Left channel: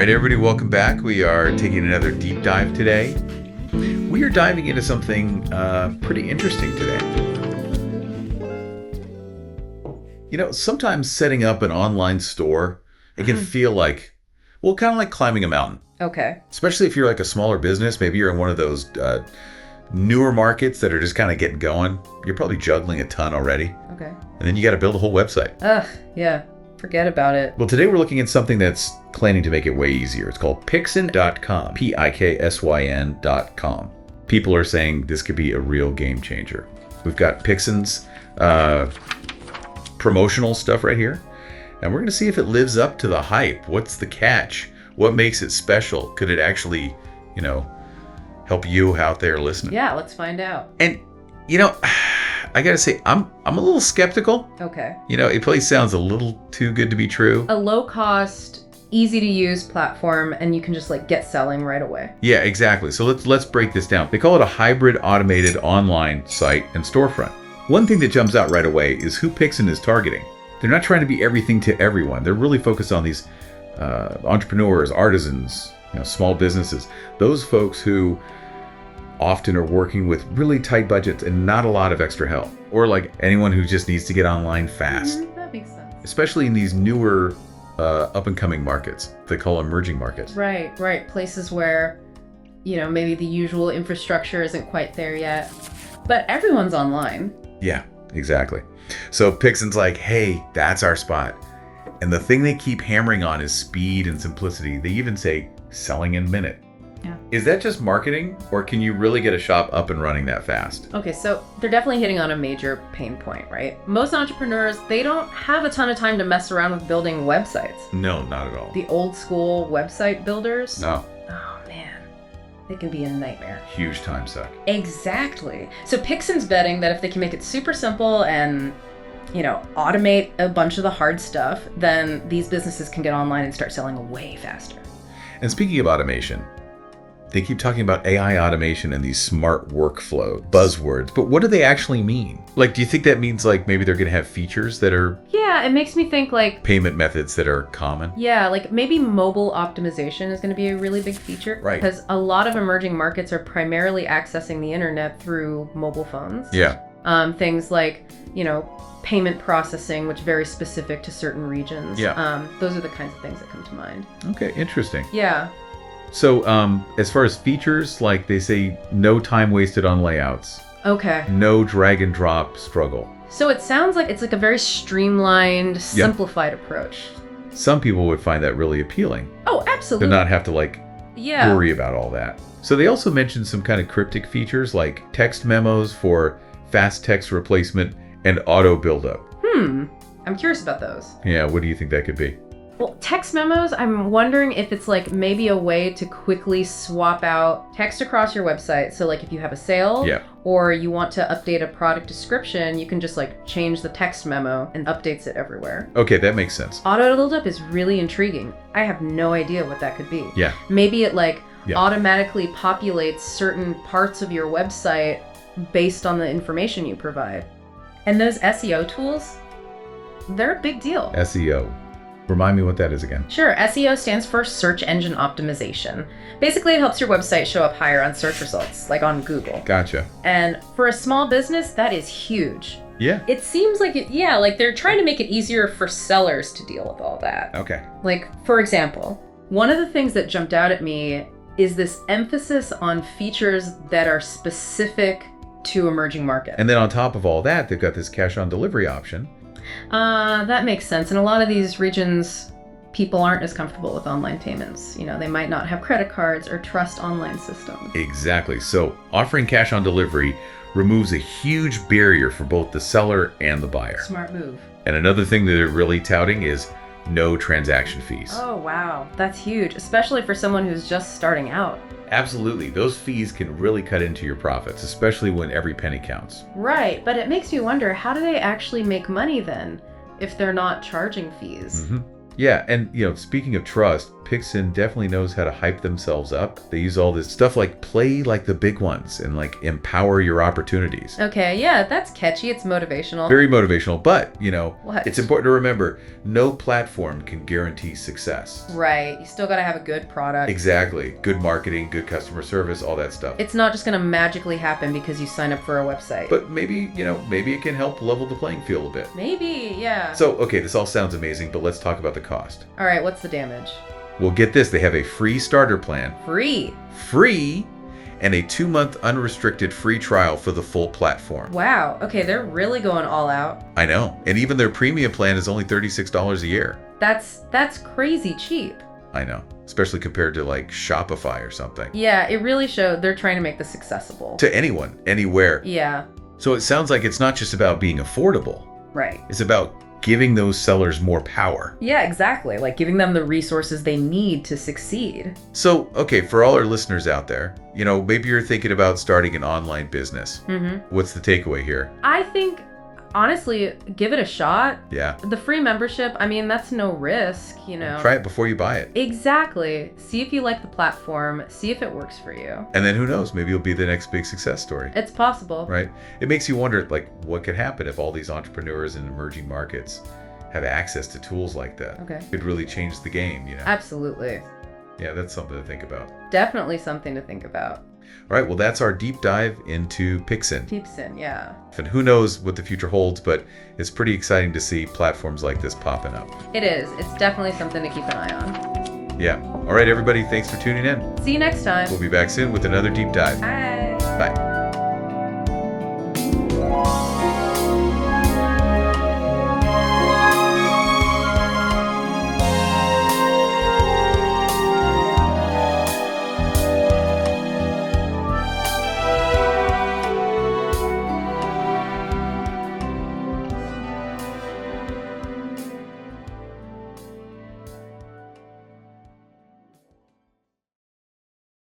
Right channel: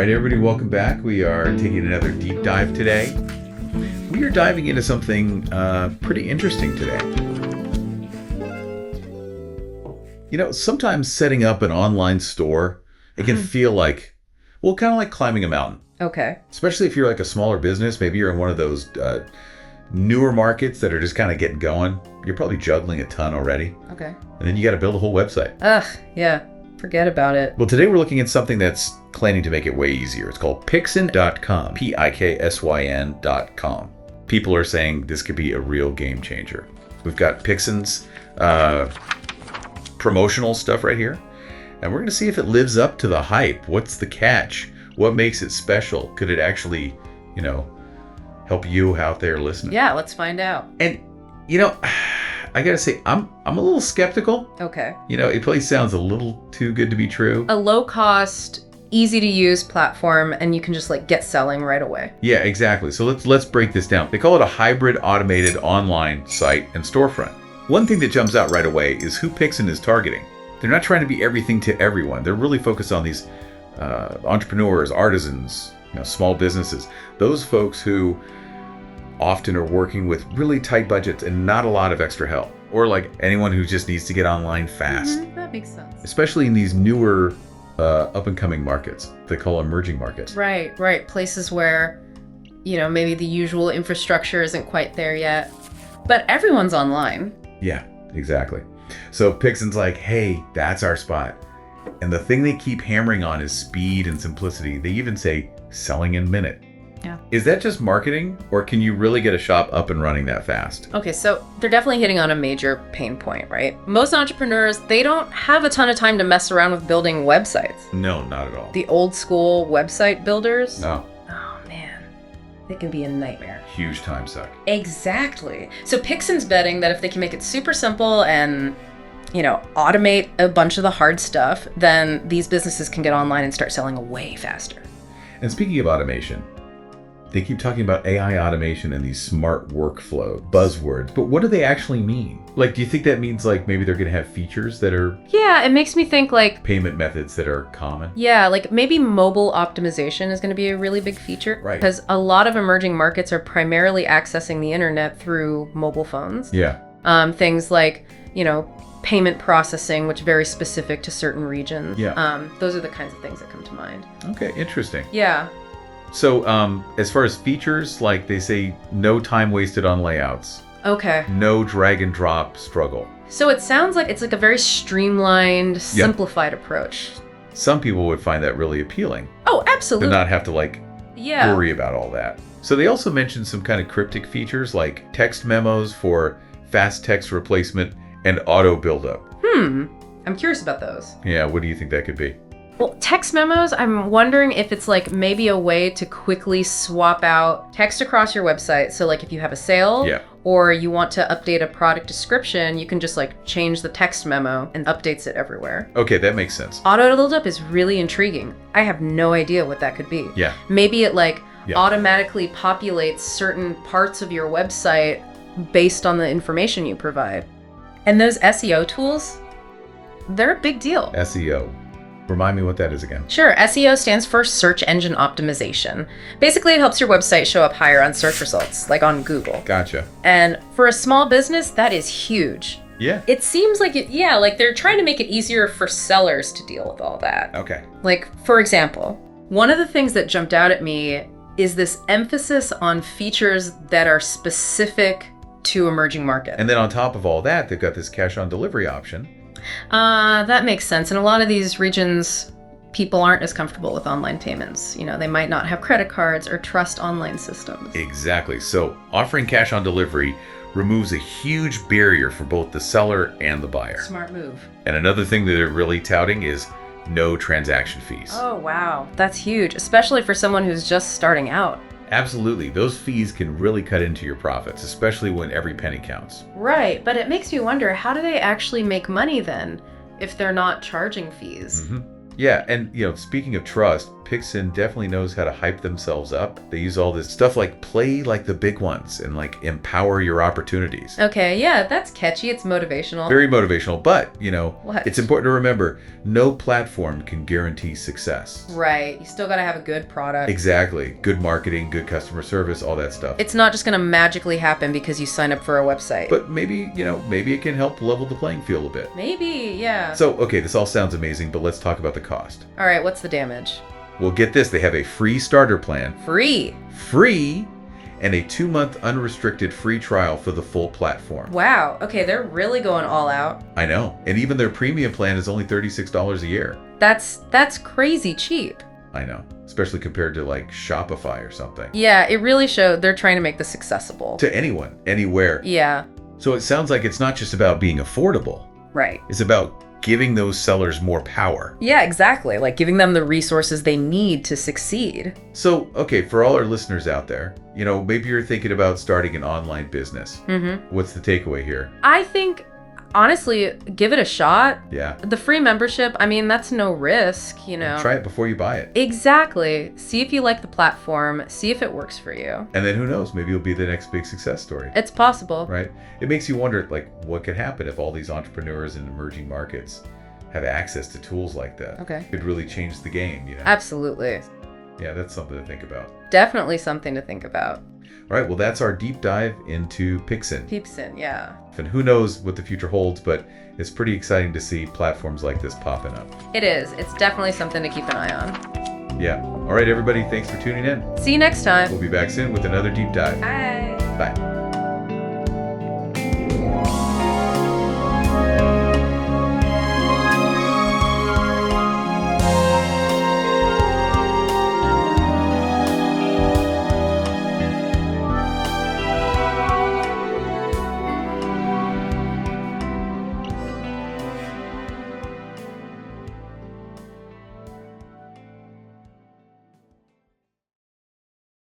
right, everybody, welcome back. We are taking another deep dive today. We are diving into something pretty interesting today. You know, sometimes setting up an online store, it can feel like, well, kind of like climbing a mountain. Okay. Especially if you're like a smaller business. Maybe you're in one of those newer markets that are just kind of getting going. You're probably juggling a ton already. Okay. And then you got to build a whole website. Ugh, yeah. Forget about it. Well, today we're looking at something that's planning to make it way easier. It's called Piksyn.com. Piksyn.com. People are saying this could be a real game changer. We've got Piksyn's promotional stuff right here. And we're going to see if it lives up to the hype. What's the catch? What makes it special? Could it actually, you know, help you out there listening? Yeah, let's find out. And, you know, I gotta say, I'm a little skeptical. Okay. You know, it probably sounds a little too good to be true. A low-cost, easy-to-use platform, and you can just like get selling right away. Yeah, exactly. So let's break this down. They call it a hybrid automated online site and storefront. One thing that jumps out right away is who Piksyn is targeting. They're not trying to be everything to everyone. They're really focused on these entrepreneurs, artisans, you know, small businesses. Those folks who often are working with really tight budgets and not a lot of extra help, or like anyone who just needs to get online fast. That makes sense. Especially in these newer up and coming markets. They call emerging markets. Right. Places where, you know, maybe the usual infrastructure isn't quite there yet, but everyone's online. Yeah, exactly. So Piksyn's like, hey, that's our spot. And the thing they keep hammering on is speed and simplicity. They even say selling in a minute. Yeah. Is that just marketing, or can you really get a shop up and running that fast? Okay, so they're definitely hitting on a major pain point, right? Most entrepreneurs, they don't have a ton of time to mess around with building websites. No, not at all. The old school website builders? No. Oh, man. It can be a nightmare. Huge time suck. Exactly. So Piksyn's betting that if they can make it super simple and, you know, automate a bunch of the hard stuff, then these businesses can get online and start selling way faster. And speaking of automation, they keep talking about AI automation and these smart workflow buzzwords, but what do they actually mean? Like, do you think that means like maybe they're going to have features that are Yeah, it makes me think like, payment methods that are common? yeah, like maybe mobile optimization is going to be a really big feature. Right. Because a lot of emerging markets are primarily accessing the internet through mobile phones. Yeah. Things like, you know, payment processing, which very specific to certain regions. Yeah. Those are the kinds of things that come to mind. Okay, interesting. Yeah. So as far as features, like they say, no time wasted on layouts, Okay. no drag and drop struggle. So it sounds like it's like a very streamlined, simplified approach. Some people would find that really appealing, Oh, to absolutely. not have to like Yeah. worry about all that. So they also mentioned some kind of cryptic features like text memos for fast text replacement and auto buildup. I'm curious about those. Yeah, what do you think that could be? Well, text memos, I'm wondering if it's like maybe a way to quickly swap out text across your website. So like if you have a sale or you want to update a product description, you can just like change the text memo and updates it everywhere. Okay, that makes sense. Auto buildup is really intriguing. I have no idea what that could be. Yeah. Maybe it like automatically populates certain parts of your website based on the information you provide. And those SEO tools, they're a big deal. SEO. Remind me what that is again. Sure, SEO stands for search engine optimization. Basically, it helps your website show up higher on search results, like on Google. Gotcha. And for a small business, that is huge. Yeah. It seems like like they're trying to make it easier for sellers to deal with all that. Okay. Like, for example, one of the things that jumped out at me is this emphasis on features that are specific to emerging markets. And then on top of all that, they've got this cash on delivery option. That makes sense. In a lot of these regions, people aren't as comfortable with online payments. You know, they might not have credit cards or trust online systems. Exactly. So offering cash on delivery removes a huge barrier for both the seller and the buyer. Smart move. And another thing that they're really touting is no transaction fees. Oh, wow. That's huge, especially for someone who's just starting out. Absolutely. Those fees can really cut into your profits, especially when every penny counts. Right, but it makes me wonder, how do they actually make money then if they're not charging fees? Yeah, and you know, speaking of trust, Piksyn definitely knows how to hype themselves up. They use all this stuff like play like the big ones and like empower your opportunities. Okay, yeah, that's catchy. It's motivational. Very motivational, but, you know, What? it's important to remember, no platform can guarantee success. Right. You still got to have a good product. Exactly. Good marketing, good customer service, all that stuff. It's not just going to magically happen because you sign up for a website. But maybe, you know, maybe it can help level the playing field a bit. Maybe, yeah. So, okay, this all sounds amazing, but let's talk about the cost. All right, what's the damage? Well, get this. They have a free starter plan. Free. Free, and a 2-month unrestricted free trial for the full platform. Wow. Okay, they're really going all out. I know. And even their premium plan is only $36 a year. That's crazy cheap. I know. Especially compared to like Shopify or something. Yeah, it really showed they're trying to make this accessible. To anyone, anywhere. Yeah. So it sounds like it's not just about being affordable. Right. It's about giving those sellers more power. Yeah, exactly. Like giving them the resources they need to succeed. So, okay, for all our listeners out there, you know, maybe you're thinking about starting an online business. Mm-hmm. What's the takeaway here? I think, honestly, give it a shot. Yeah. The free membership, I mean, that's no risk, you know. Try it before you buy it. Exactly. See if you like the platform. See if it works for you. And then who knows, maybe you'll be the next big success story. It's possible. Right? It makes you wonder, like, what could happen if all these entrepreneurs in emerging markets have access to tools like that? Okay. It could really change the game, you know? Absolutely. Yeah, that's something to think about. Definitely something to think about. All right, well, that's our deep dive into Piksyn. Piksyn, yeah. And who knows what the future holds, but it's pretty exciting to see platforms like this popping up. It is. It's definitely something to keep an eye on. Yeah. All right, everybody, thanks for tuning in. See you next time. We'll be back soon with another deep dive. Bye. Bye.